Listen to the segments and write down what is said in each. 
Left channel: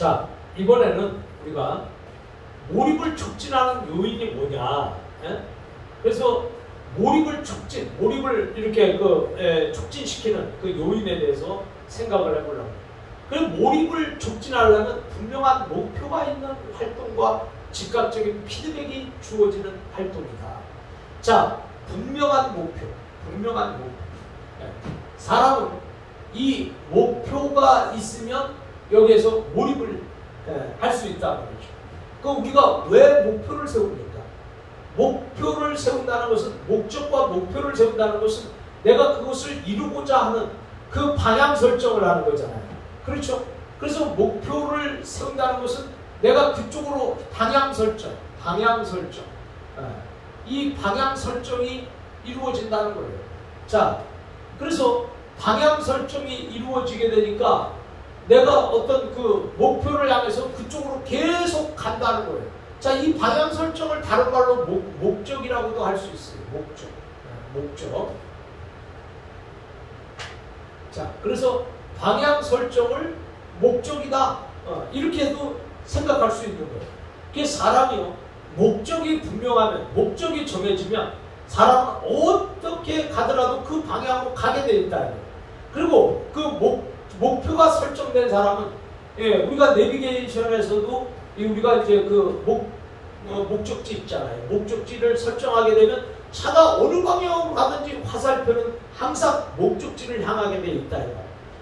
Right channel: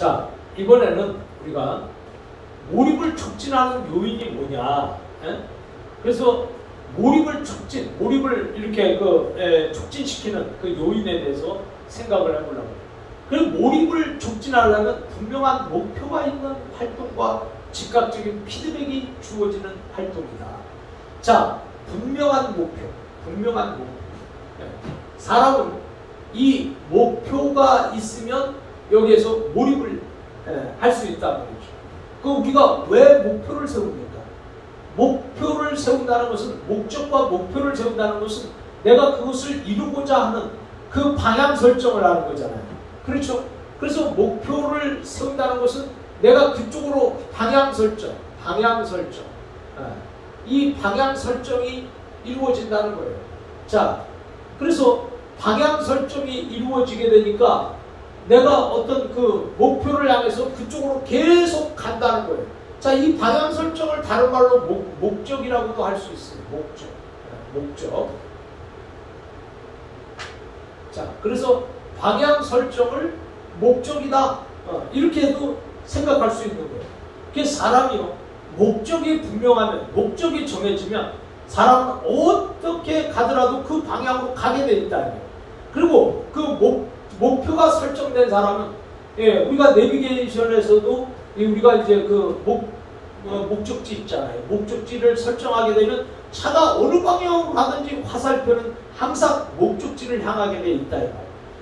자, 이번에는 우리가 몰입을 촉진하는 요인이 뭐냐. 예? 그래서 몰입을 이렇게 촉진시키는 그 요인에 대해서 생각을 해보려고 해요. 그리고 몰입을 촉진하려면 분명한 목표가 있는 활동과 즉각적인 피드백이 주어지는 활동이다. 자, 분명한 목표. 사람은 이 목표가 있으면 여기에서 몰입을 할 수 있다는 거죠. 그 우리가 왜 목표를 세웁니까? 목표를 세운다는 것은, 목적과 목표를 세운다는 것은 내가 그것을 이루고자 하는 그 방향 설정을 하는 거잖아요. 그렇죠? 그래서 목표를 세운다는 것은 내가 그쪽으로 방향 설정. 이 방향 설정이 이루어진다는 거예요. 자, 그래서 방향 설정이 이루어지게 되니까 내가 어떤 그 목표를 향해서 그쪽으로 계속 간다는 거예요. 자, 이 방향 설정을 다른 말로 목적이라고도 할 수 있어요. 목적. 자, 그래서 방향 설정을 목적이다. 이렇게도 생각할 수 있는 거예요. 그래서 사람이요, 목적이 분명하면, 목적이 정해지면 사람은 어떻게 가더라도 그 방향으로 가게 돼 있다. 그리고 그 목표가 설정된 사람은, 우리가 내비게이션에서도 우리가 이제 그 목적지 있잖아요. 목적지를 설정하게 되면 차가 어느 방향으로 가든지 화살표는 항상 목적지를 향하게 돼 있다.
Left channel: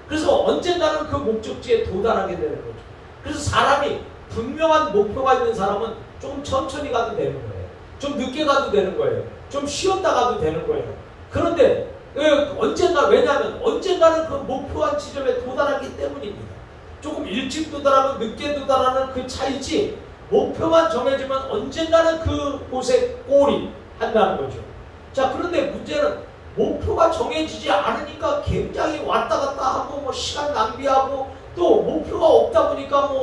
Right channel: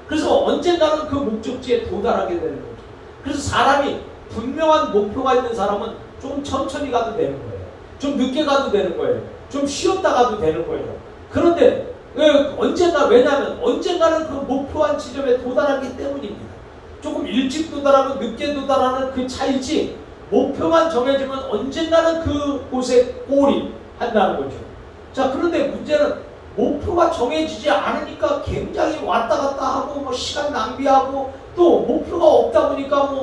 그래서 언젠가는 그 목적지에 도달하게 되는 거죠. 그래서 사람이 분명한 목표가 있는 사람은 조금 천천히 가도 되는 거예요. 좀 늦게 가도 되는 거예요. 좀 쉬었다 가도 되는 거예요. 그런데 왜냐하면 언젠가는 그 목표한 지점에 도달하기 때문입니다. 조금 일찍 도달하면 늦게 도달하는 그 차이지, 목표만 정해지면 언젠가는 그곳에 골입한다는 거죠. 자, 그런데 문제는 목표가 정해지지 않으니까 굉장히 왔다 갔다 하고 시간 낭비하고, 또 목표가 없다 보니까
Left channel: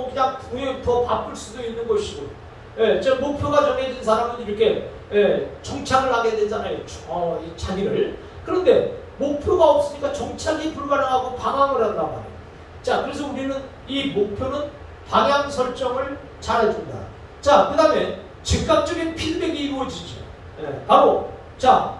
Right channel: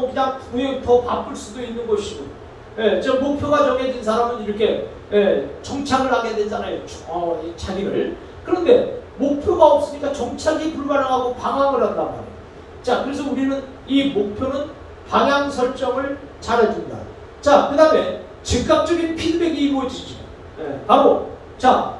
그냥 더 바쁠 수도 있는 것이고, 저 목표가 정해진 사람은 이렇게 정착을 하게 되잖아요. 이 자리를. 그런데 목표가 없으니까 정착이 불가능하고 방황을 한단 말이에요. 자, 그래서 우리는 이 목표는 방향 설정을 잘해준다. 자, 그 다음에 즉각적인 피드백이 이루어지죠. 바로, 자,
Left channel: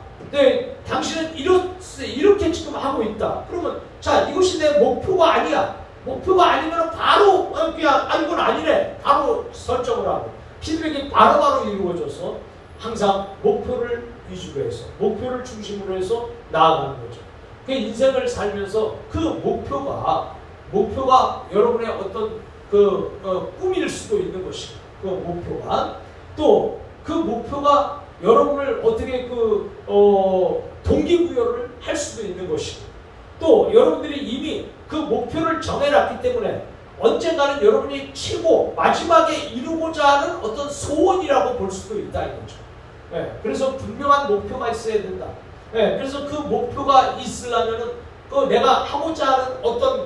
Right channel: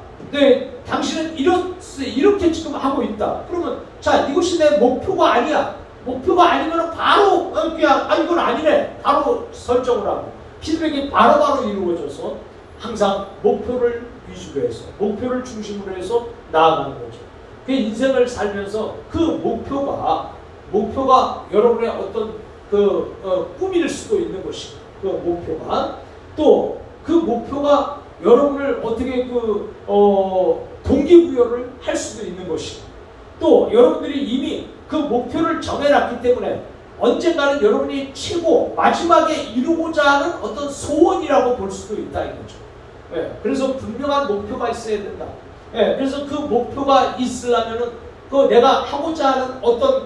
당신은 이렇게 지금 하고 있다. 그러면, 자, 이것이 내 목표가 아니야. 목표가 아니면 바로, 이건 아니네. 바로 설정을 하고, 피드백이 바로바로 이루어져서 항상 목표를 위주로 해서, 목표를 중심으로 해서 나아가는 거죠. 그 인생을 살면서 그 목표가 여러분의 어떤 꿈일 수도 있는 것이고, 그 목표가 또 그 목표가 여러분을 어떻게 동기부여를 할 수도 있는 것이고, 또 여러분들이 이미 그 목표를 정해놨기 때문에 언젠가는 여러분이 최고 마지막에 이루고자 하는 어떤 소원이라고 볼 수도 있다 이거죠. 그래서 분명한 목표가 있어야 된다. 그래서 그 목표가 있으려면은 내가 하고자 하는 어떤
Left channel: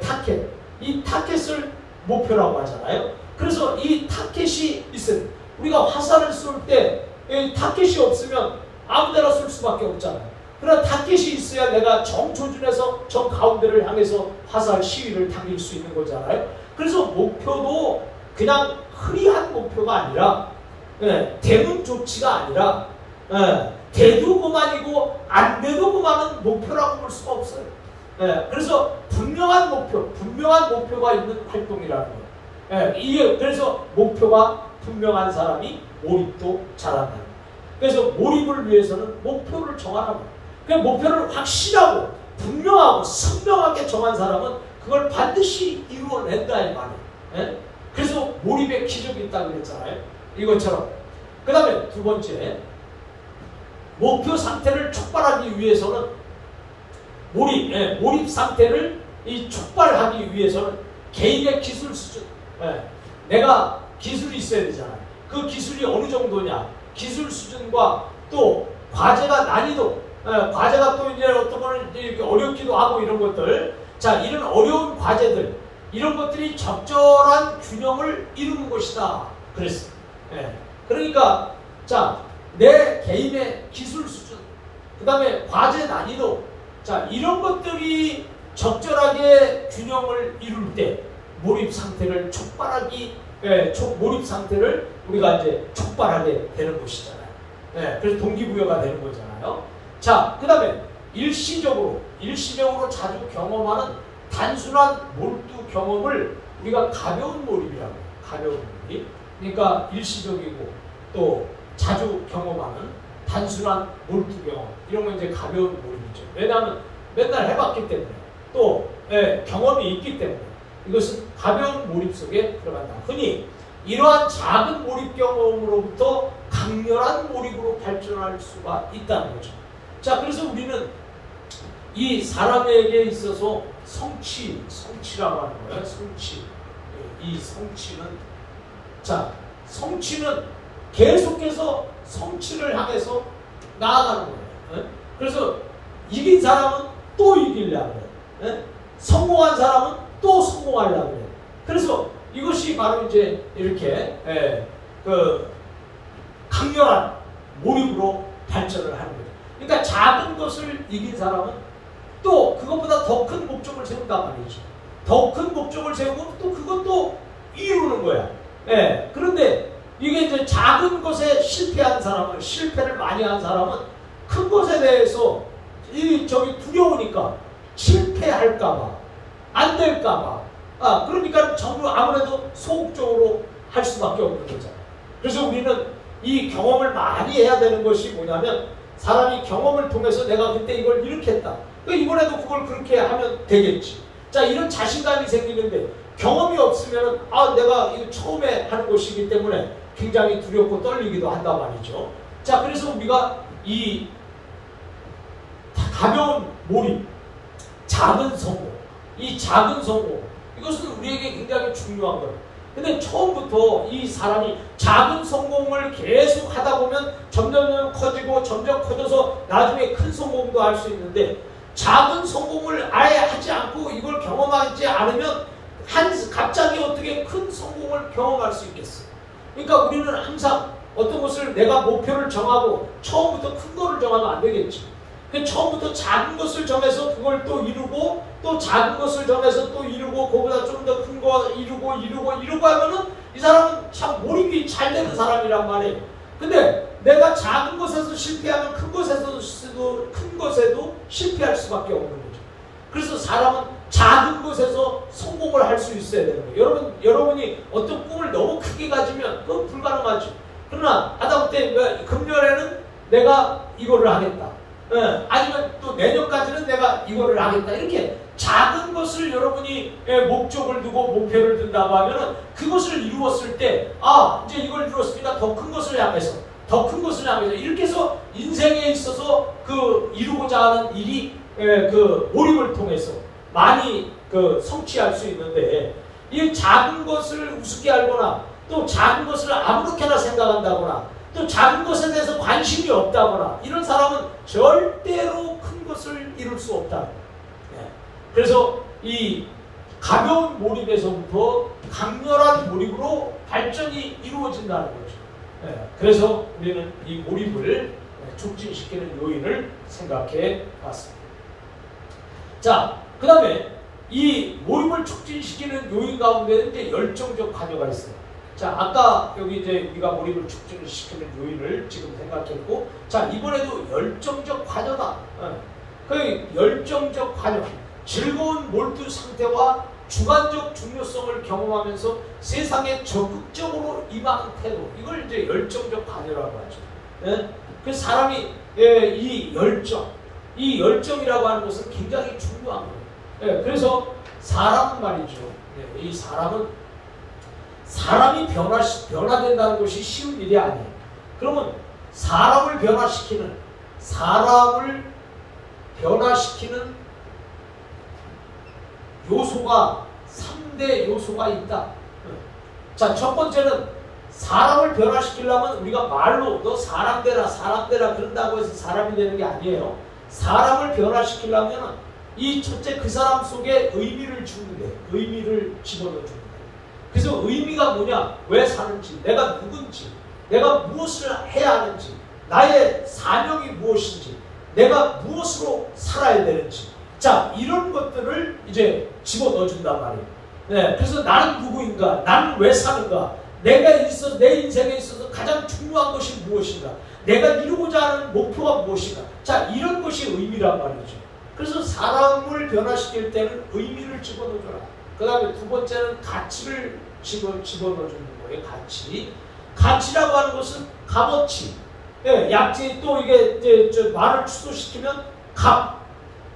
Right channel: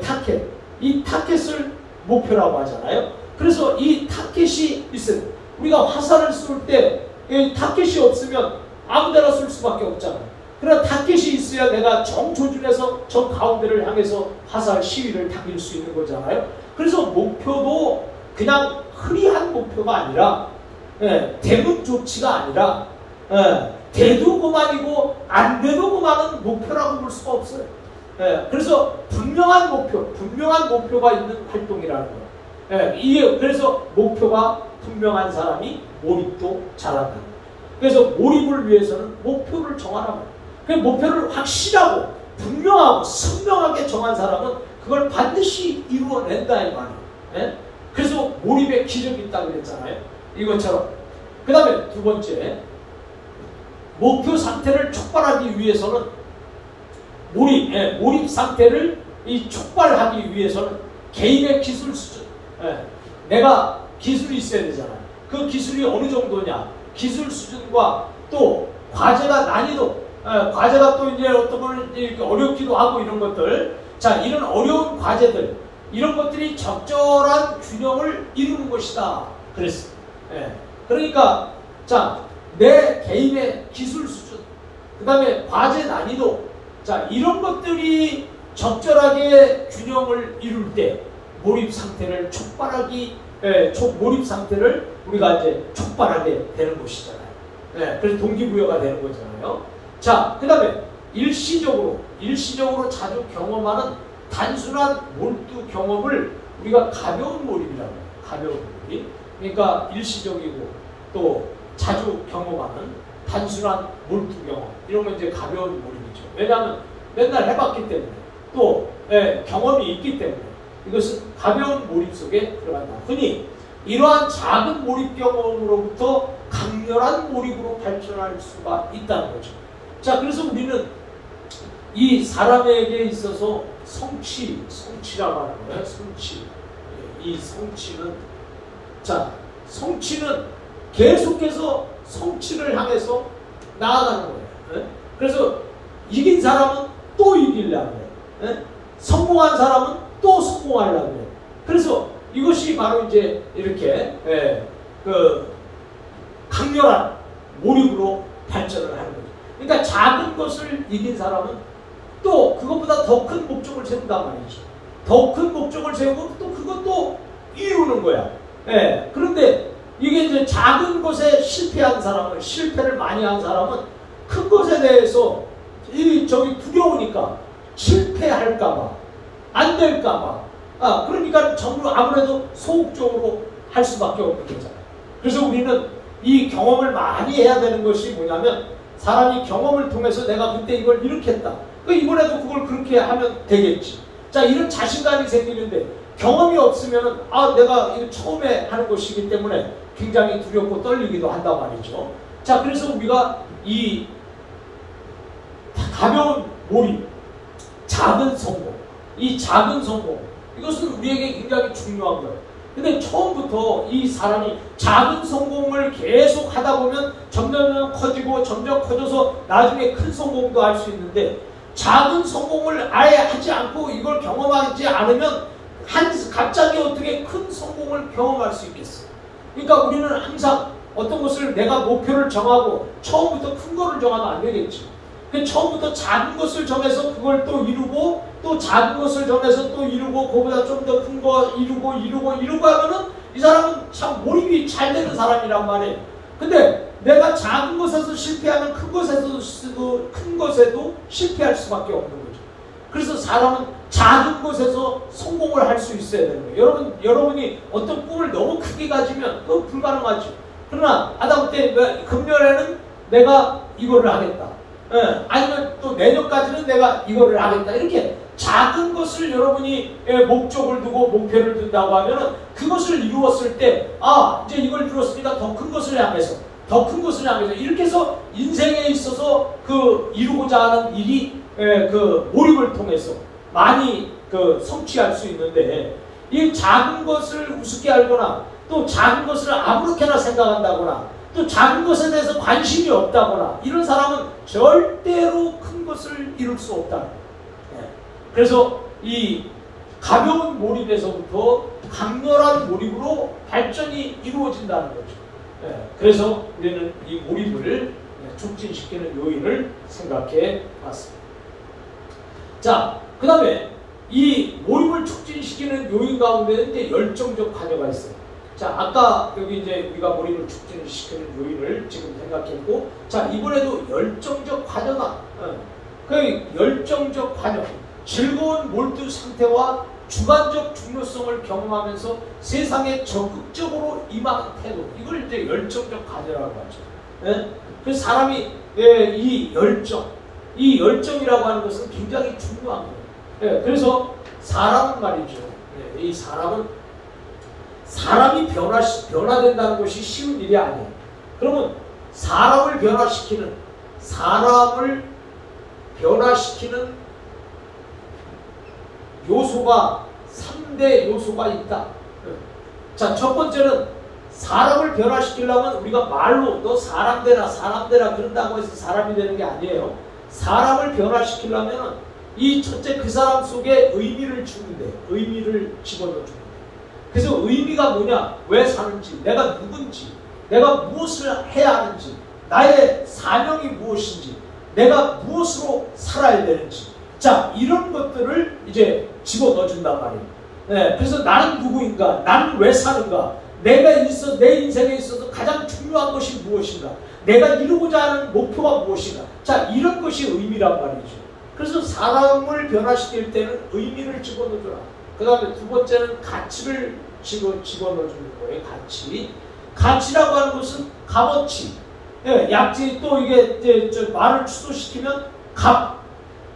타켓, 이 타켓을 목표라고 하잖아요. 그래서 이 타켓이 있어요. 우리가 화살을 쏠 때 타켓이 없으면 아무데나 쏠 수밖에 없잖아요. 그러나 타켓이 있어야 내가 정조준에서 정 가운데를 향해서 화살 시위를 당길 수 있는 거잖아요. 그래서 목표도 그냥 흐리한 목표가 아니라, 되면 좋지가 아니라, 돼도 그만이고 안 돼도 그만은 목표라고 볼 수가 없어요. 그래서 분명한 목표가 있는 활동이라는 거예요. 그래서 목표가 분명한 사람이 몰입도 잘한다는 거예요. 그래서 몰입을 위해서는 목표를 정하라고 해요. 그 목표를 확실하고 분명하고 선명하게 정한 사람은 그걸 반드시 이루어낸다 이 말이에요. 그래서 몰입의 기적이 있다고 그랬잖아요. 이것처럼. 그 다음에 두 번째, 목표 상태를 촉발하기 위해서는 몰입 상태를 촉발하기 위해서는 개인의 기술 수준, 내가 기술이 있어야 되잖아요. 그 기술이 어느 정도냐, 기술 수준과 또 과제가 난이도, 과제가 또 이제 어떤 걸 어렵기도 하고 이런 것들, 자, 이런 어려운 과제들, 이런 것들이 적절한 균형을 이루는 것이다. 그랬어요. 그러니까, 자, 내 개인의 기술 수준, 그 다음에 과제 난이도, 자, 이런 것들이 적절하게 균형을 이룰 때 몰입 상태를 몰입 상태를 우리가 이제 촉발하게 되는 것이잖아요. 그래서 동기부여가 되는 거잖아요. 자, 그 다음에 일시적으로 자주 경험하는 단순한 몰두 경험을 우리가 가벼운 몰입이라고 해요. 가벼운 몰입. 그러니까 일시적이고 또 자주 경험하는 단순한 몰두 경험. 이런 건 이제 가벼운 몰입이죠. 왜냐하면 맨날 해봤기 때문에 또 경험이 있기 때문에 이것은 가벼운 몰입 속에 들어간다. 흔히 이러한 작은 몰입 경험으로부터 강렬한 몰입으로 발전할 수가 있다는 거죠. 자, 그래서 우리는 이 사람에게 있어서 성취라고 하는 거예요. 이 성취는, 자, 성취는 계속해서 성취를 향해서 나아가는 거예요. 그래서 이긴 사람은 또 이기려고 해요. 성공한 사람은 또 성공하려고 해요. 그래서 이것이 바로 이제 이렇게 강렬한 몰입으로 발전을 하는 거죠. 그러니까 작은 것을 이긴 사람은 또 그것보다 더 큰 목적을 세운단 말이죠. 더 큰 목적을 세우고 또 그것도 이루는 거야. 그런데 이게 이제 작은 것에 실패를 많이 한 사람은 큰 것에 대해서 두려우니까 실패할까봐, 안 될까봐. 그러니까 전부 아무래도 소극적으로 할 수밖에 없는 거잖아요. 그래서 우리는 이 경험을 많이 해야 되는 것이 뭐냐면, 사람이 경험을 통해서 내가 그때 이걸 이렇게 했다. 이번에도 그걸 그렇게 하면 되겠지. 자, 이런 자신감이 생기는데 경험이 없으면 내가 이거 처음에 하는 것이기 때문에 굉장히 두렵고 떨리기도 한단 말이죠. 자, 그래서 우리가 이 가벼운 몰입, 작은 성공, 이것은 우리에게 굉장히 중요한 거예요. 근데 처음부터 이 사람이 작은 성공을 계속 하다 보면 점점 커져서 나중에 큰 성공도 할 수 있는데, 작은 성공을 아예 하지 않고 이걸 경험하지 않으면 갑자기 어떻게 큰 성공을 경험할 수 있겠어요? 그러니까 우리는 항상 어떤 것을 내가 목표를 정하고 처음부터 큰 거를 정하면 안 되겠지. 처음부터 작은 것을 정해서 그걸 또 이루고, 또 작은 것을 정해서 또 이루고, 그거보다 좀 더 큰 거 이루고 하면은 이 사람은 참 몰입이 잘 되는 사람이란 말이에요. 근데 내가 작은 것에서 실패하면 큰 것에도 실패할 수밖에 없는 거죠. 그래서 사람은 작은 것에서 성공을 할 수 있어야 되는 거예요. 여러분이 어떤 꿈을 너무 크게 가지면 그건 불가능하죠. 그러나 하다못해 금년에는 내가 이거를 하겠다. 아니면 또 내년까지는 내가 이거를 하겠다. 이렇게 작은 것을 여러분이 목적을 두고 목표를 둔다고 하면은 그것을 이루었을 때, 이제 이걸 이루었으니까 더 큰 것을 향해서 이렇게 해서 인생에 있어서 이루고자 하는 일이 몰입을 통해서 많이 성취할 수 있는데, 이 작은 것을 우습게 알거나 또 작은 것을 아무렇게나 생각한다거나 또 작은 것에 대해서 관심이 없다거나 이런 사람은 절대로 큰 것을 이룰 수 없다. 그래서 이 가벼운 몰입에서부터 강렬한 몰입으로 발전이 이루어진다는 거죠. 그래서 우리는 이 몰입을 촉진시키는 요인을 생각해 봤습니다. 자, 그 다음에 이 몰입을 촉진시키는 요인 가운데 이제 열정적 관여가 있어요. 자, 아까 여기 이제 우리가 몰입을 촉진시키는 요인을 지금 생각했고, 자, 이번에도 열정적 관여다. 그 열정적 관여, 즐거운 몰두 상태와 주관적 중요성을 경험하면서 세상에 적극적으로 임하는 태도, 이걸 이제 열정적 관여라고 하죠. 그 사람이 이 열정이라고 하는 것은 굉장히 중요한 거예요. 그래서 사람은 말이죠. 이 사람이 변화된다는 것이 쉬운 일이 아니에요. 그러면 사람을 변화시키는 요소가 3대 요소가 있다. 자, 첫 번째는 사람을 변화시키려면 우리가 말로 너 사람 되라 그런다고 해서 사람이 되는 게 아니에요. 사람을 변화시키려면 이 첫째 그 사람 속에 의미를 주는데, 의미를 집어넣어 주는 거예요. 그래서 의미가 뭐냐, 왜 사는지, 내가 누군지, 내가 무엇을 해야 하는지, 나의 사명이 무엇인지, 내가 무엇으로 살아야 되는지, 자, 이런 것들을 이제 집어넣어 준단 말이에요. 예, 그래서 나는 누구인가? 나는 왜 사는가? 내 인생에 있어서 가장 중요한 것이 무엇인가? 내가 이루고자 하는 목표가 무엇인가? 자, 이런 것이 의미란 말이죠. 그래서 사람을 변화시킬 때는 의미를 집어넣어줘라. 그 다음에 두 번째는 가치를 집어넣어주는 거예요. 가치라고 하는 것은 값어치. 예, 약지 또 이게 이제 말을 추소시키면 값.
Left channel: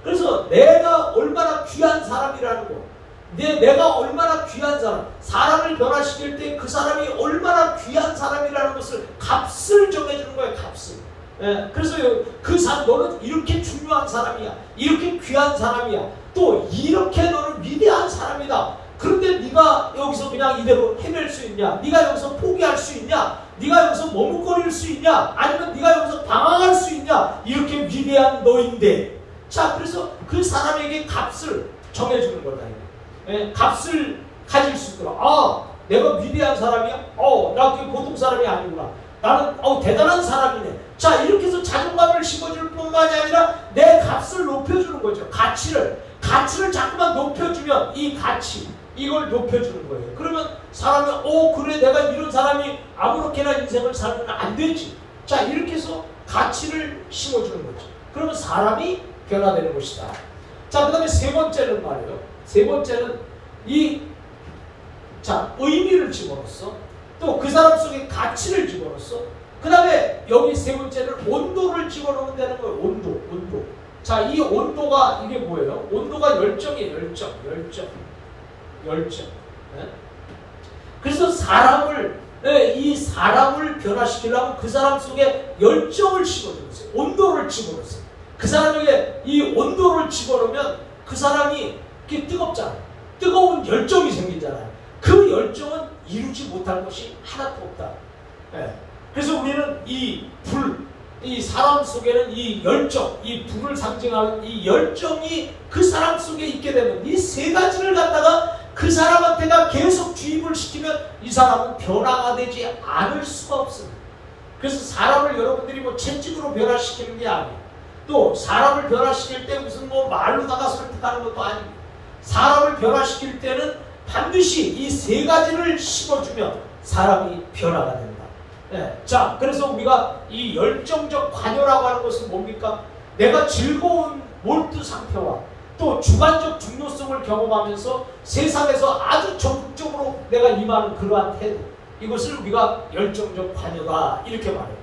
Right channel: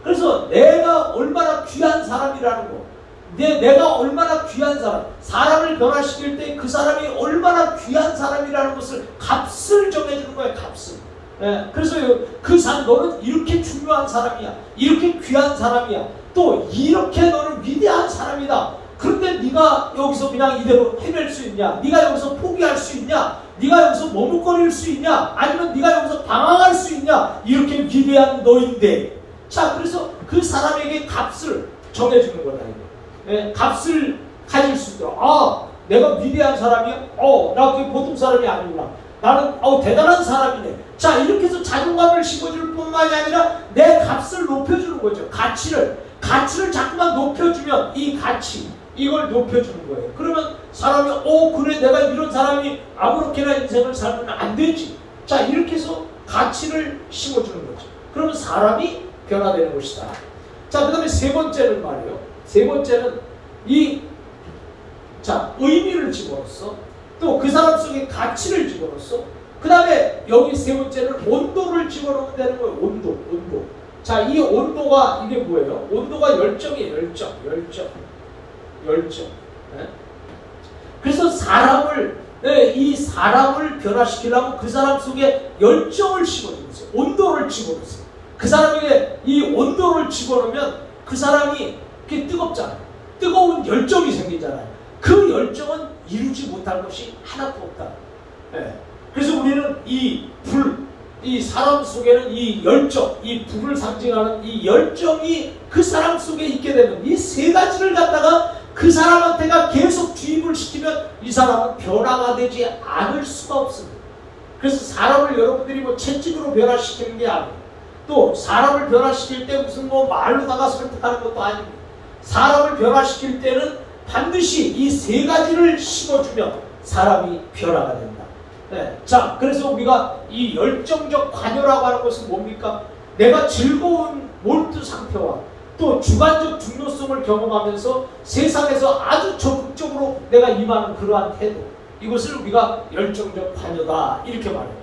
그래서 내가 얼마나 귀한 사람이라는 거. 내가 얼마나 귀한 사람을 변화시킬 때 그 사람이 얼마나 귀한 사람이라는 것을 값을 정해주는 거예요. 값을. 예, 그래서 너는 이렇게 중요한 사람이야. 이렇게 귀한 사람이야. 또 이렇게 너는 위대한 사람이다. 그런데 네가 여기서 그냥 이대로 헤맬 수 있냐? 네가 여기서 포기할 수 있냐? 네가 여기서 머뭇거릴 수 있냐? 아니면 네가 여기서 방황할 수 있냐? 이렇게 위대한 너인데. 자, 그래서 그 사람에게 값을 정해주는 거다. 예, 값을 가질 수 있도록. 아, 내가 위대한 사람이야? 나 그게 보통 사람이 아니구나. 나는 대단한 사람이네. 자, 이렇게 해서 자존감을 심어줄 뿐만이 아니라 내 값을 높여주는 거죠. 가치를 자꾸만 높여주면 이 가치, 이걸 높여주는 거예요. 그러면 사람이 그래, 내가 이런 사람이 아무렇게나 인생을 살면 안 되지. 자, 이렇게 해서 가치를 심어주는 거죠. 그러면 사람이 변화되는 것이다. 자, 그 다음에 세 번째는 말이에요. 세 번째는 의미를 집어넣었어. 또 그 사람 속에 가치를 집어넣었어. 그 다음에 여기 세 번째는 온도를 집어넣으면 되는 거예요. 온도. 자, 이 온도가 이게 뭐예요? 온도가 열정이에요. 열정. 네? 그래서 이 사람을 변화시키려면 그 사람 속에 열정을 집어넣으세요. 온도를 집어넣으세요. 그 사람에게 이 온도를 집어넣으면 그 사람이 그게 뜨겁잖아요. 뜨거운 열정이 생기잖아요. 그 열정은 이루지 못할 것이 하나도 없다. 예. 그래서 우리는 이 사람 속에는 이 열정, 이 불을 상징하는 이 열정이 그 사람 속에 있게 되면 이 세 가지를 갖다가 그 사람한테가 계속 주입을 시키면 이 사람은 변화가 되지 않을 수가 없습니다. 그래서 사람을 여러분들이 채찍으로 변화시키는 게 아니에요. 또 사람을 변화시킬 때 무슨 말로다가 설득하는 것도 아닙니다. 사람을 변화시킬 때는 반드시 이 세 가지를 심어주면 사람이 변화가 된다. 네. 자, 그래서 우리가 이 열정적 관여라고 하는 것은 뭡니까? 내가 즐거운 몰두 상태와 또 주관적 중요성을 경험하면서 세상에서 아주 적극적으로 내가 임하는 그러한 태도, 이것을 우리가 열정적 관여다 이렇게 말해요.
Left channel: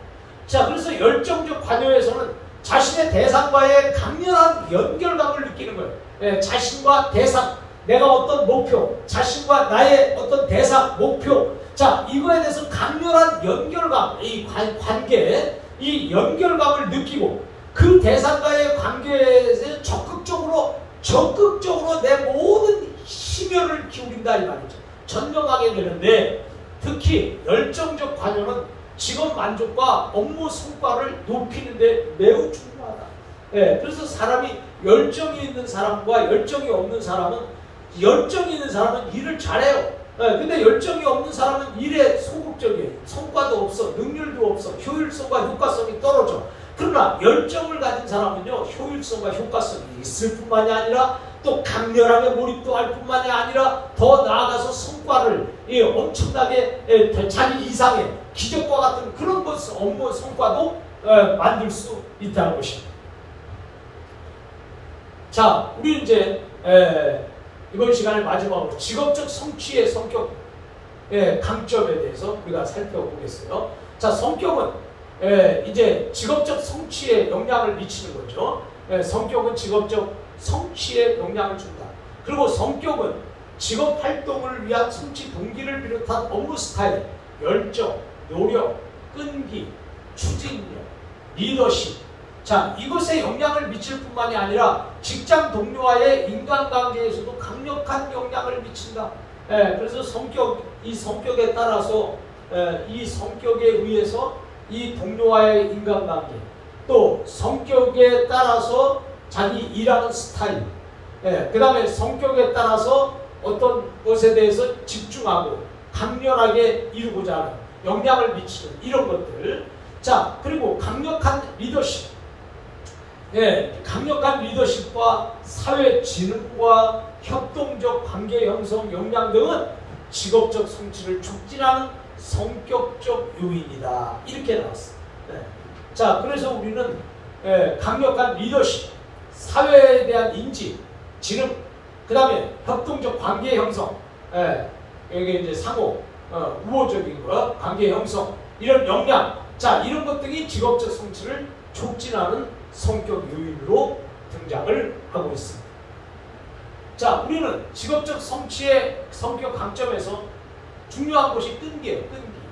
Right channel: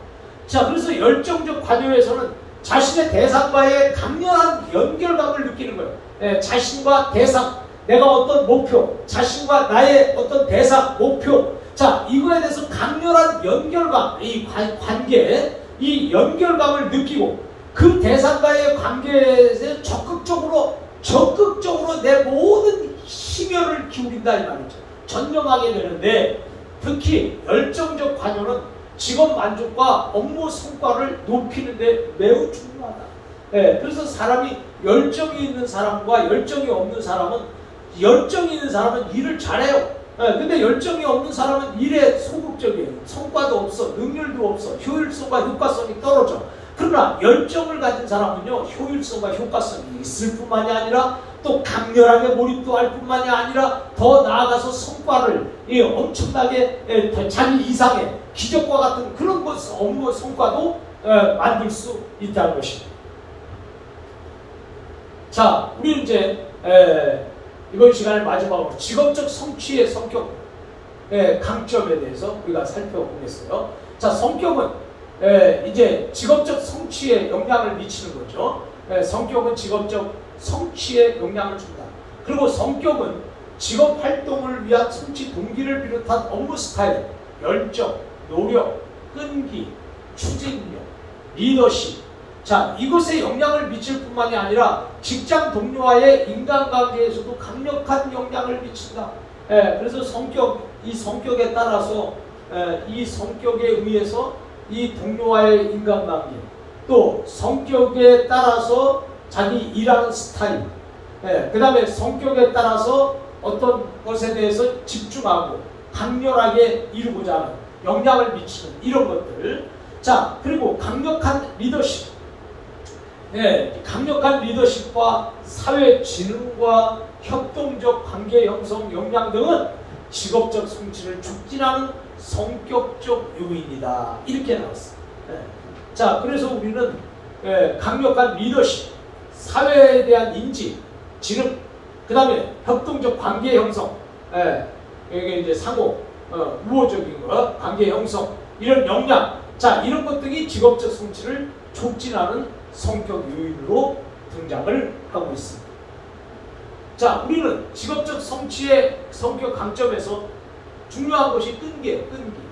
자, 그래서 열정적 관여에서는 자신의 대상과의 강렬한 연결감을 느끼는 거예요. 예, 자신과 대상, 내가 어떤 목표, 자신과 나의 어떤 대상, 목표, 자, 이거에 대해서 강렬한 연결감, 이 관계, 이 연결감을 느끼고 그 대상과의 관계에 적극적으로 내 모든 심혈을 기울인다 이 말이죠. 전념하게 되는데, 특히 열정적 관여는 직업 만족과 업무 성과를 높이는 데 매우 중요하다. 예, 그래서 사람이 열정이 있는 사람과 열정이 없는 사람은, 열정이 있는 사람은 일을 잘해요. 예, 근데 열정이 없는 사람은 일에 소극적이에요. 성과도 없어, 능률도 없어, 효율성과 효과성이 떨어져. 그러나 열정을 가진 사람은요, 효율성과 효과성이 있을 뿐만이 아니라 또 강렬하게 몰입도 할 뿐만이 아니라 더 나아가서 성과를 엄청나게 자기 이상의 기적과 같은 그런 업무 성과도 만들 수 있다는 것입니다. 자, 우리 이제 이번 시간의 마지막으로 직업적 성취의 성격 강점에 대해서 우리가 살펴보겠어요. 자, 성격은 이제 직업적 성취에 영향을 미치는 거죠. 성격은 직업적 성취에 영향을 준다. 그리고 성격은 직업 활동을 위한 성취 동기를 비롯한 업무 스타일, 열정, 노력, 끈기, 추진력, 리더십. 자, 이것에 영향을 미칠 뿐만이 아니라 직장 동료와의 인간관계에서도 강력한 영향을 미친다. 그래서 이 성격에 따라서 이 성격에 의해서 이 동료와의 인간관계, 또 성격에 따라서 자기 일하는 스타일, 그 다음에 성격에 따라서 어떤 것에 대해서 집중하고 강렬하게 이루고자 하는 영향을 미치는 이런 것들. 자, 그리고 강력한 리더십. 강력한 리더십과 사회 진흥과 협동적 관계 형성 역량 등은 직업적 성취를 촉진하는 성격적 요인이다. 이렇게 나왔어요. 자, 그래서 우리는 강력한 리더십, 사회에 대한 인지, 지능, 그 다음에 협동적 관계 형성, 이게 이제 상호, 우호적인 거, 관계 형성, 이런 역량, 자, 이런 것들이 직업적 성취를 촉진하는 성격 요인으로 등장을 하고 있습니다. 자, 우리는 직업적 성취의 성격 강점에서 중요한 것이 끈기예요. 끈기.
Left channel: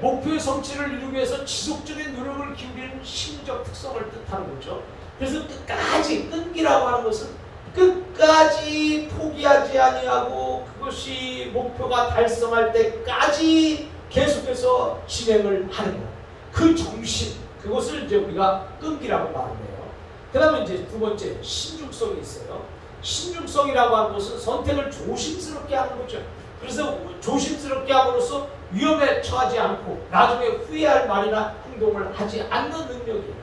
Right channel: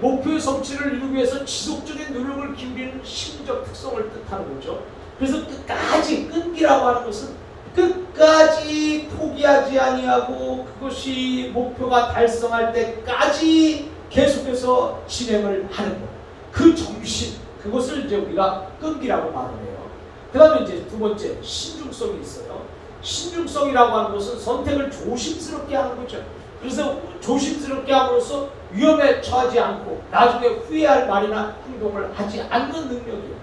목표의 성취를 이루기 위해서 지속적인 노력을 기울이는 심리적 특성을 뜻하는 거죠. 그래서 끝까지, 끈기라고 하는 것은 끝까지 포기하지 아니하고 그것이 목표가 달성할 때까지 계속해서 진행을 하는 것. 그 정신, 그것을 이제 우리가 끈기라고 말을 해요. 그 다음에 이제 두 번째, 신중성이 있어요. 신중성이라고 하는 것은 선택을 조심스럽게 하는 거죠. 그래서 조심스럽게 함으로써 위험에 처하지 않고 나중에 후회할 말이나 행동을 하지 않는 능력이에요.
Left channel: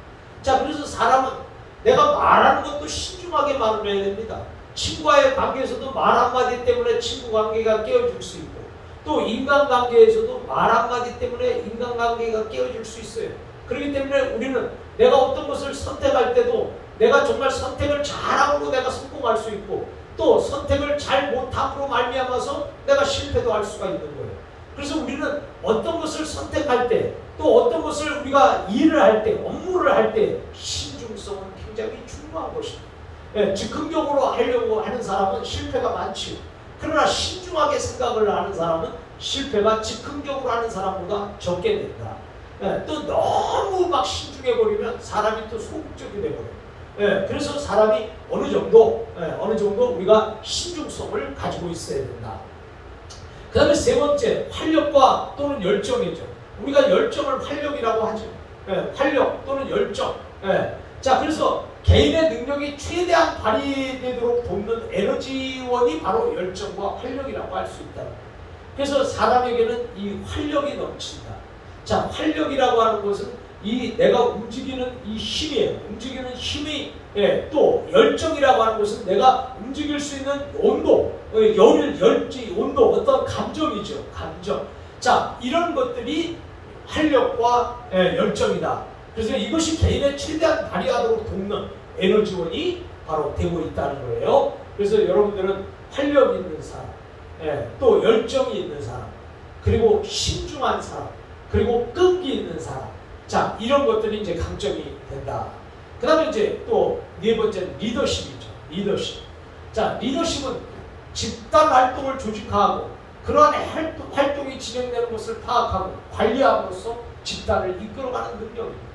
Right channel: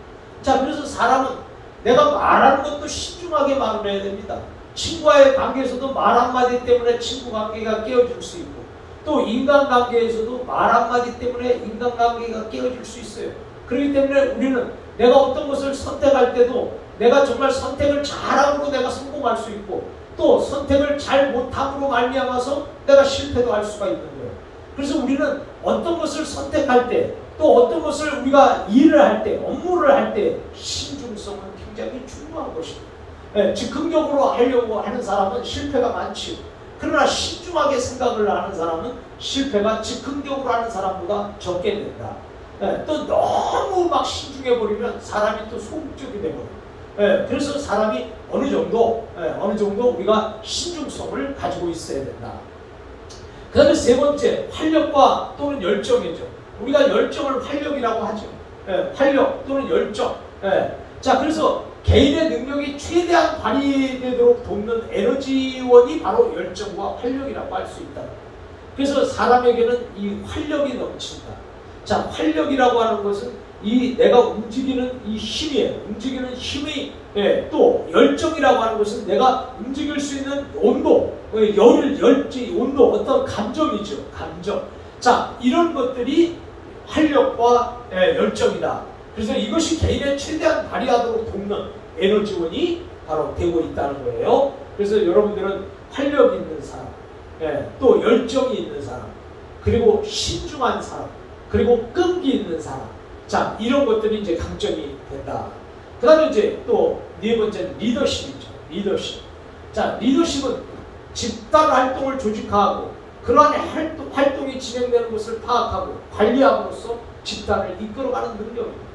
자, 그래서 사람은 내가 말하는 것도 신중하게 말을 해야 됩니다. 친구와의 관계에서도 말 한마디 때문에 친구 관계가 깨어질 수 있고, 또 인간관계에서도 말 한마디 때문에 인간관계가 깨어질 수 있어요. 그렇기 때문에 우리는 내가 어떤 것을 선택할 때도 내가 정말 선택을 잘함으로 내가 성공할 수 있고, 또 선택을 잘 못함으로 말미암아서 내가 실패도 할 수가 있는 거예요. 그래서 우리는 어떤 것을 선택할 때, 또 어떤 것을 우리가 일을 할 때, 업무를 할 때 신중성은 굉장히 중요한 것입니다. 즉흥적으로 하려고 하는 사람은 실패가 많지요. 그러나 신중하게 생각을 하는 사람은 실패가 즉흥적으로 하는 사람보다 적게 된다. 또 너무 막 신중해버리면 사람이 또 소극적이 되거든요. 그래서 사람이 어느 정도 우리가 신중성을 가지고 있어야 된다. 그 다음에 세 번째, 활력과 또는 열정이죠. 우리가 열정을 활력이라고 하죠. 활력 또는 열정. 자, 그래서 개인의 능력이 최대한 발휘되도록 돕는 에너지원이 바로 열정과 활력이라고 할 수 있다. 그래서 사람에게는 이 활력이 넘친다. 자, 활력이라고 하는 것은 이 내가 움직이는 이 힘이에요. 움직이는 힘의 또 열정이라고 하는 것은 내가 움직일 수 있는 온도, 열지, 온도, 어떤 감정이죠. 감정. 자, 이런 것들이 활력과 열정이다. 그래서 이것이 개인의 최대한 발휘하도록 돕는 에너지원이 바로 되고 있다는 거예요. 그래서 여러분들은 활력 있는 사람, 또 열정이 있는 사람, 그리고 신중한 사람, 그리고 끈기 있는 사람. 자, 이런 것들이 이제 강점이 된다. 그 다음에 이제 또 네 번째는 리더십이죠. 리더십. 자, 리더십은 집단 활동을 조직화하고 그러한 활동이 진행되는 것을 파악하고 관리함으로써 집단을 이끌어가는 능력입니다.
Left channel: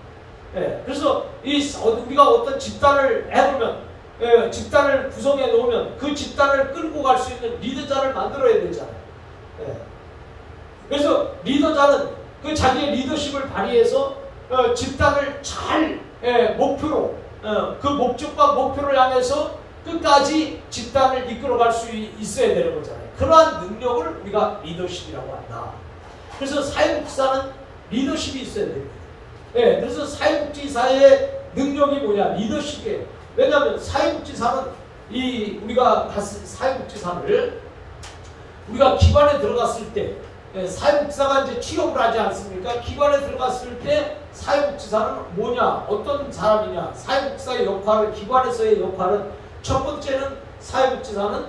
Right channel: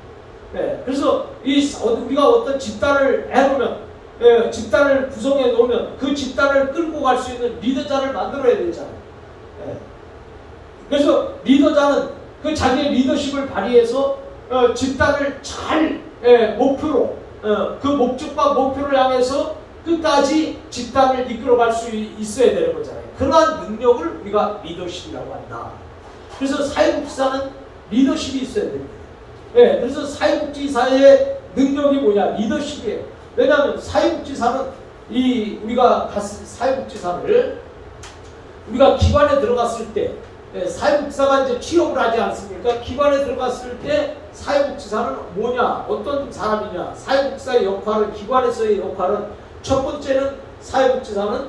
그래서 우리가 어떤 집단을 해놓으면, 집단을 구성해 놓으면 그 집단을 끌고 갈 수 있는 리더자를 만들어야 되잖아요. 그래서 리더자는 그 자기의 리더십을 발휘해서 집단을 잘 목표로, 그 목적과 목표를 향해서 끝까지 집단을 이끌어갈 수 있어야 되는 거잖아요. 그러한 능력을 우리가 리더십이라고 한다. 그래서 사회복지사는 리더십이 있어야 됩니다. 그래서 사회복지사의 능력이 뭐냐? 리더십이에요. 왜냐하면 사회복지사는 우리가 사회복지사를 우리가 기관에 들어갔을 때, 사회복지사가 이제 취업을 하지 않습니까? 기관에 들어갔을 때 사회복지사는 뭐냐? 어떤 사람이냐? 사회복지사의 역할을, 기관에서의 역할은 첫 번째는 사회복지사는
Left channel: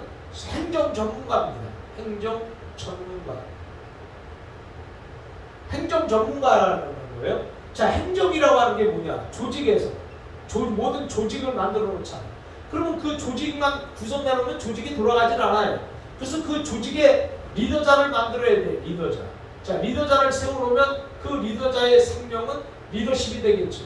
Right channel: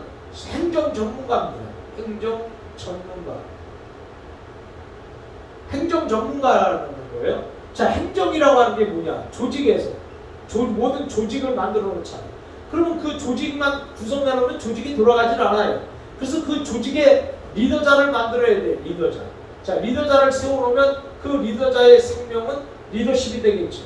행정 전문가입니다. 행정 전문가. 행정 전문가라는 거예요. 자, 행정이라고 하는 게 뭐냐? 조직에서 모든 조직을 만들어 놓잖아요. 그러면 그 조직만 구성해 놓으면 조직이 돌아가진 않아요. 그래서 그 조직의 리더자를 만들어야 돼. 리더자. 자, 리더자를 세워놓으면 그 리더자의 생명은 리더십이 되겠죠.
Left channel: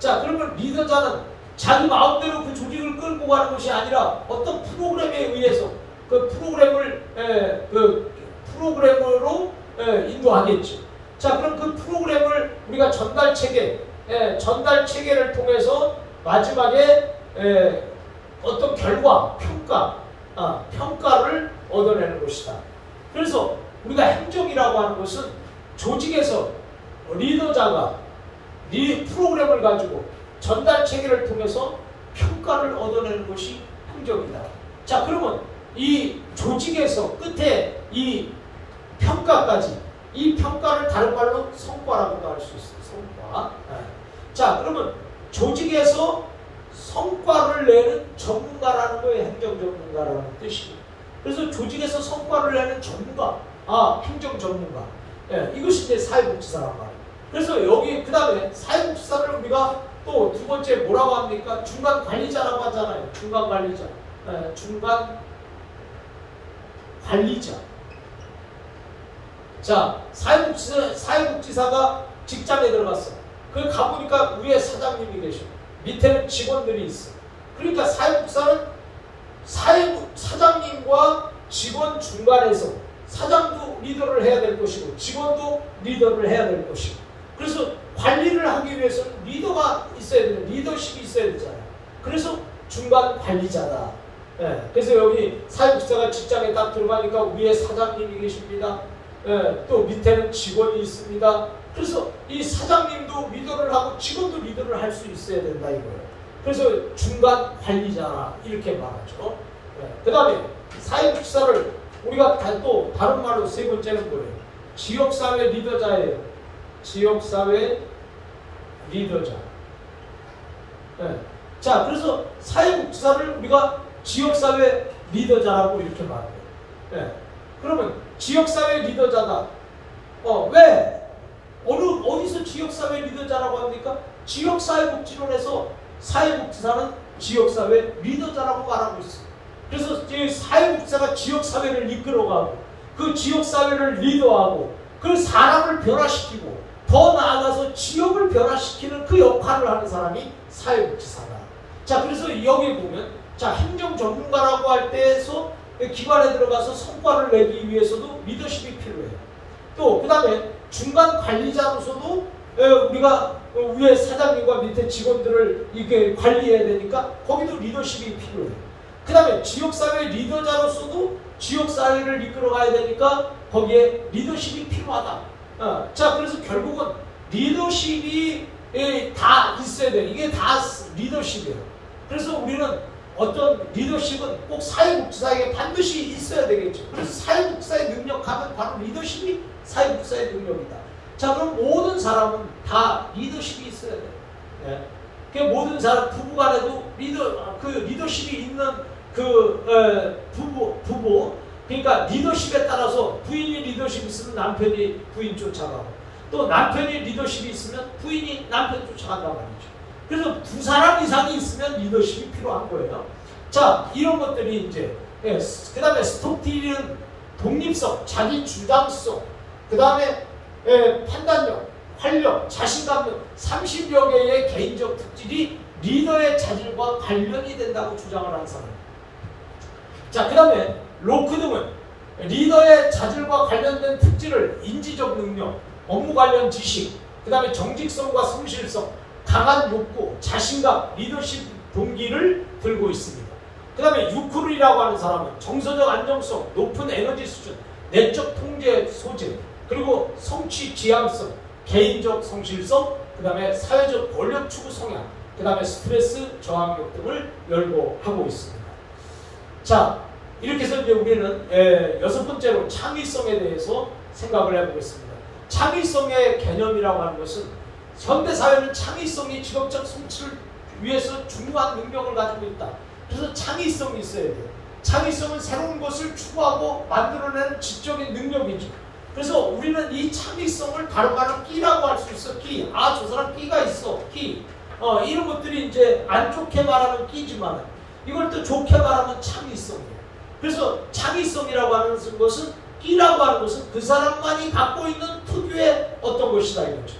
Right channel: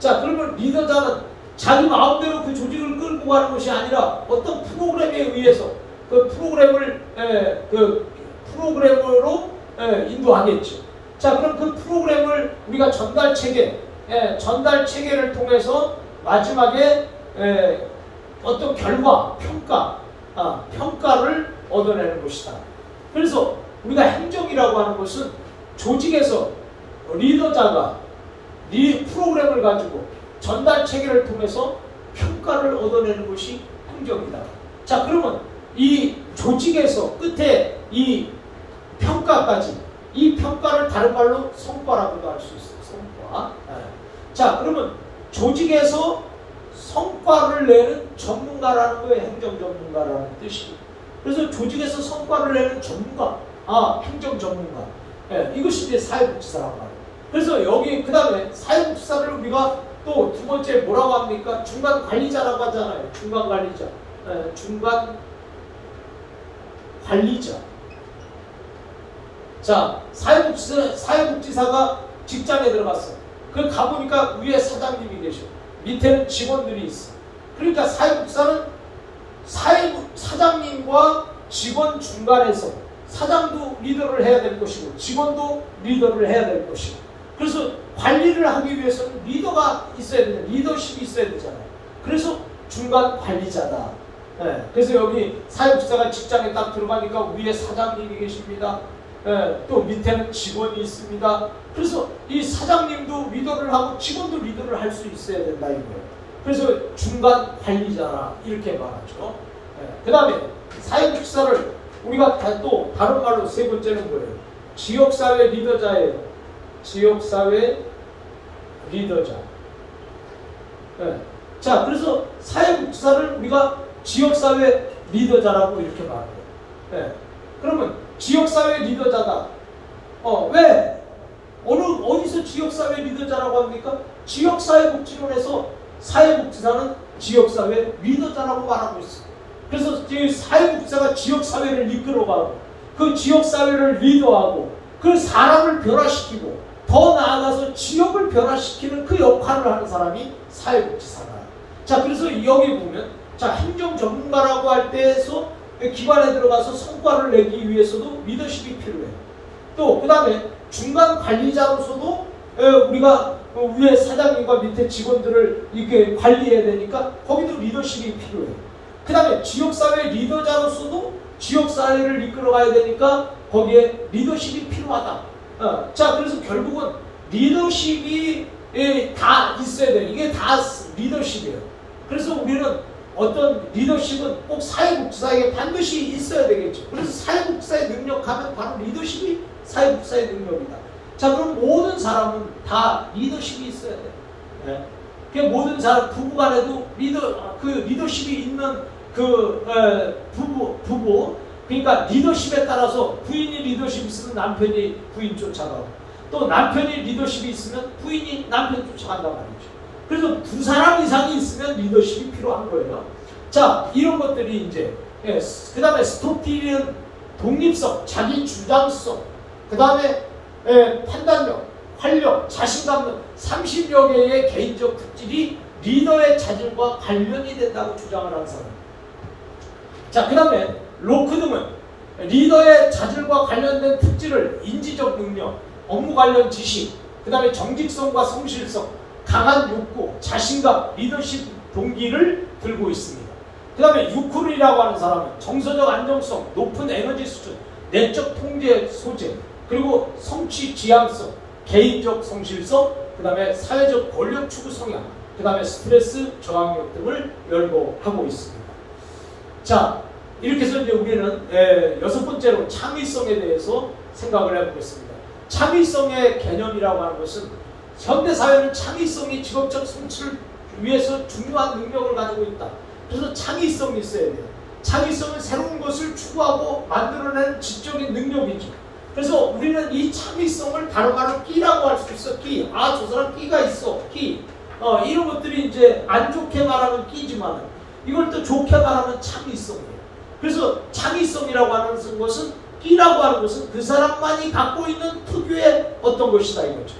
자, 그러면 리더자는 자기 마음대로 그 조직을 끌고 가는 것이 아니라 어떤 프로그램에 의해서 그 프로그램으로 인도하겠죠. 자, 그럼 그 프로그램을 우리가 전달 체계를 통해서 마지막에 어떤 결과, 평가를 얻어내는 것이다. 그래서 우리가 행정이라고 하는 것은 조직에서 리더자가 이 프로그램을 가지고 전달 체계를 통해서 평가를 얻어내는 것이 행정이다. 자, 그러면 이 조직에서 끝에 이 평가까지, 이 평가를 다른 말로 성과라고도 할 수 있어요. 성과. 자, 그러면 조직에서 성과를 내는 전문가라는 거예요. 행정 전문가라는 뜻이. 그래서 조직에서 성과를 내는 전문가, 행정 전문가. 이것이 이제 사회복지사란 말이에요. 그래서 여기 그 다음에 사회복지사를 우리가 또 두 번째 뭐라고 합니까? 중간 관리자라고 하잖아요. 중간 관리자. 중간 관리자. 자, 사회복지사가 직장에 들어갔어. 그 가보니까 위에 사장님이 계셔. 밑에는 직원들이 있어. 그러니까 사회복지사는 사장님과 직원 중간에서 사장도 리더를 해야 될 것이고 직원도 리더를 해야 될 것이고, 그래서 관리를 하기 위해서는 리더가 있어야 되잖아요. 리더십이 있어야 되잖아요. 그래서 중간 관리자다. 그래서 여기 사회복지사가 직장에 딱 들어가니까 위에 사장님이 계십니다. 또 밑에는 직원이 있습니다. 그래서 이 사장님도 리더를 하고 직원도 리더를 할 수 있어야 된다 이거예요. 그래서 중간 관리자라 이렇게 말하죠. 그 다음에 사회복지사를 우리가 또 다른 말로 세 번째는 뭐예요? 지역사회 리더자예요. 지역사회 리더자. 자, 그래서 사회복지사를 우리가 지역사회 리더자라고 이렇게 말해요. 그러면 지역사회 리더자다. 왜? 어디서 지역사회 리더자라고 합니까? 지역사회복지론에서 사회복지사는 지역사회 리더자라고 말하고 있어요. 그래서 사회복지사가 지역사회를 이끌어가고 그 지역사회를 리더하고 그 사람을 변화시키고 더 나아가서 지역을 변화시키는 그 역할을 하는 사람이 사회복지사다. 자, 그래서 여기 보면 자, 행정 전문가라고 할 때에서 기관에 들어가서 성과를 내기 위해서도 리더십이 필요해요. 또 그 다음에 중간 관리자로서도 우리가 위에 사장님과 밑에 직원들을 이렇게 관리해야 되니까 거기도 리더십이 필요해요. 그 다음에 지역사회 리더자로서도 지역사회를 이끌어가야 되니까 거기에 리더십이 필요하다. 자, 그래서 결국은 리더십이 다 있어야 돼요. 이게 다 리더십이에요. 그래서 우리는 어떤 리더십은 꼭 사회복지사에게 반드시 있어야 되겠죠. 그래서 사회복지사의 능력하면 바로 리더십이 사회복지사의 능력이다. 자, 그럼 모든 사람은 다 리더십이 있어야 돼요. 그 모든 사람, 부부간에도 리더십이 있는 부부, 그러니까 리더십에 따라서 부인이 리더십이 있으면 남편이 부인 쫓아가고 또 남편이 리더십이 있으면 부인이 남편 쫓아간단 말이죠. 그래서 두 사람 이상이 있으면 리더십이 필요한 거예요. 자, 이런 것들이 이제 그 다음에 스톡딜은 독립성, 자기 주장성, 그 다음에 판단력, 활력, 자신감 등 30여 개의 개인적 특질이 리더의 자질과 관련이 된다고 주장을 하는 사람이에요. 자, 그 다음에 로크등은 리더의 자질과 관련된 특질을 인지적 능력, 업무 관련 지식, 그 다음에 정직성과 성실성, 강한 욕구, 자신감, 리더십 동기를 들고 있습니다. 그 다음에 유쿠르이라고 하는 사람은 정서적 안정성, 높은 에너지 수준, 내적 통제 소재, 그리고 성취 지향성, 개인적 성실성, 그 다음에 사회적 권력 추구 성향, 그 다음에 스트레스 저항력 등을 열거하고 있습니다. 자, 이렇게 해서 이제 우리는 여섯 번째로 창의성에 대해서 생각을 해보겠습니다. 창의성의 개념이라고 하는 것은 현대사회는 창의성이 직업적 성취를 위해서 중요한 능력을 가지고 있다. 그래서 창의성이 있어야 돼요. 창의성은 새로운 것을 추구하고 만들어내는 지적인 능력이죠. 그래서 우리는 이 창의성을 다른 말로 끼라고 할 수 있어. 끼. 저 사람 끼가 있어. 끼. 이런 것들이 이제 안 좋게 말하면 끼지만 이걸 또 좋게 말하면 창의성이에요. 그래서 창의성이라고 하는 것은 끼라고 하는 것은 그 사람만이 갖고 있는 특유의 어떤 것이다 이거죠.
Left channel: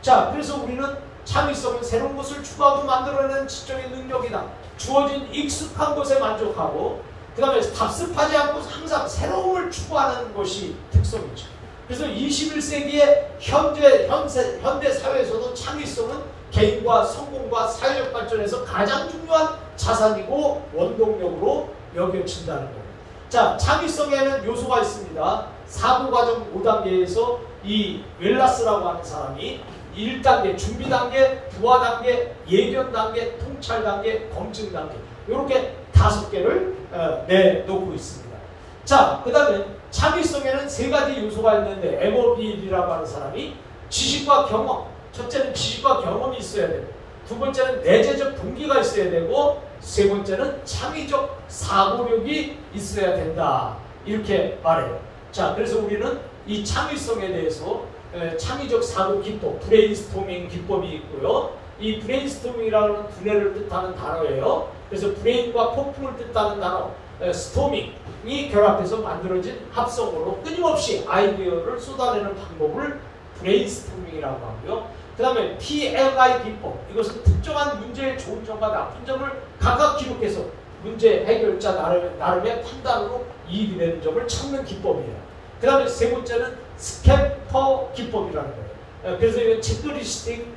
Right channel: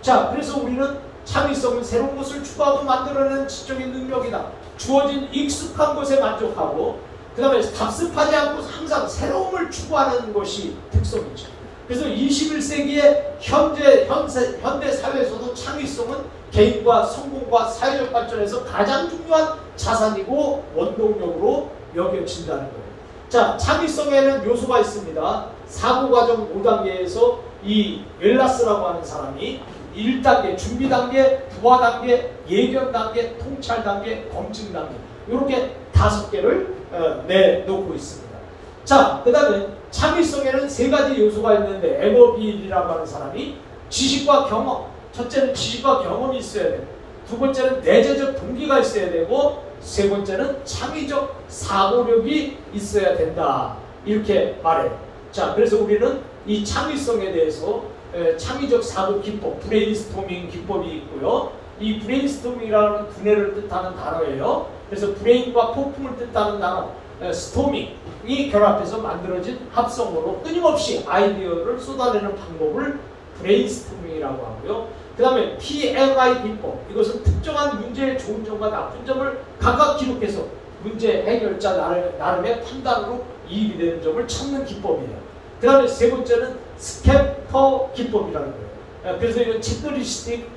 자, 그래서 우리는 창의성은 새로운 것을 추구하고 만들어내는 지적인 능력이다. 주어진 익숙한 것에 만족하고 그 다음에 답습하지 않고 항상 새로움을 추구하는 것이 특성이죠. 그래서 21세기의 현대 사회에서도 창의성은 개인과 성공과 사회적 발전에서 가장 중요한 자산이고 원동력으로 여겨진다는 거예요. 자, 창의성에는 요소가 있습니다. 사고과정 5단계에서 이 웰라스라고 하는 사람이 1단계, 준비 단계, 부화 단계, 예견 단계, 통찰 단계, 검증 단계 이렇게 5개를 내놓고 있습니다. 자, 그 다음에 창의성에는 3가지 요소가 있는데 에버빌이라고 하는 사람이 지식과 경험, 첫째는 지식과 경험이 있어야 되고, 두 번째는 내재적 동기가 있어야 되고, 세 번째는 창의적 사고력이 있어야 된다. 이렇게 말해요. 자, 그래서 우리는 이 창의성에 대해서 창의적 사고 기법, 브레인스토밍 기법이 있고요. 이 브레인스토밍이라는 두뇌를 뜻하는 단어예요. 그래서 브레인과 폭풍을 뜻하는 단어, 스토밍이 결합해서 만들어진 합성어로 끊임없이 아이디어를 쏟아내는 방법을 브레인스토밍이라고 하고요. 그 다음에 PMI 기법, 이것은 특정한 문제의 좋은 점과 나쁜 점을 각각 기록해서 문제 해결자 나름의 판단으로 이익이 되는 점을 찾는 기법이에요. 그 다음에 세 번째는 스캐퍼 기법이라는 거예요. 그래서 이건 체크리스틱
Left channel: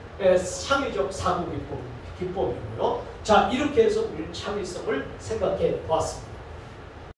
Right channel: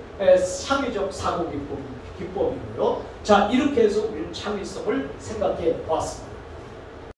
창의적 사고 기법이고요. 자, 이렇게 해서 우리는 창의성을 생각해 보았습니다.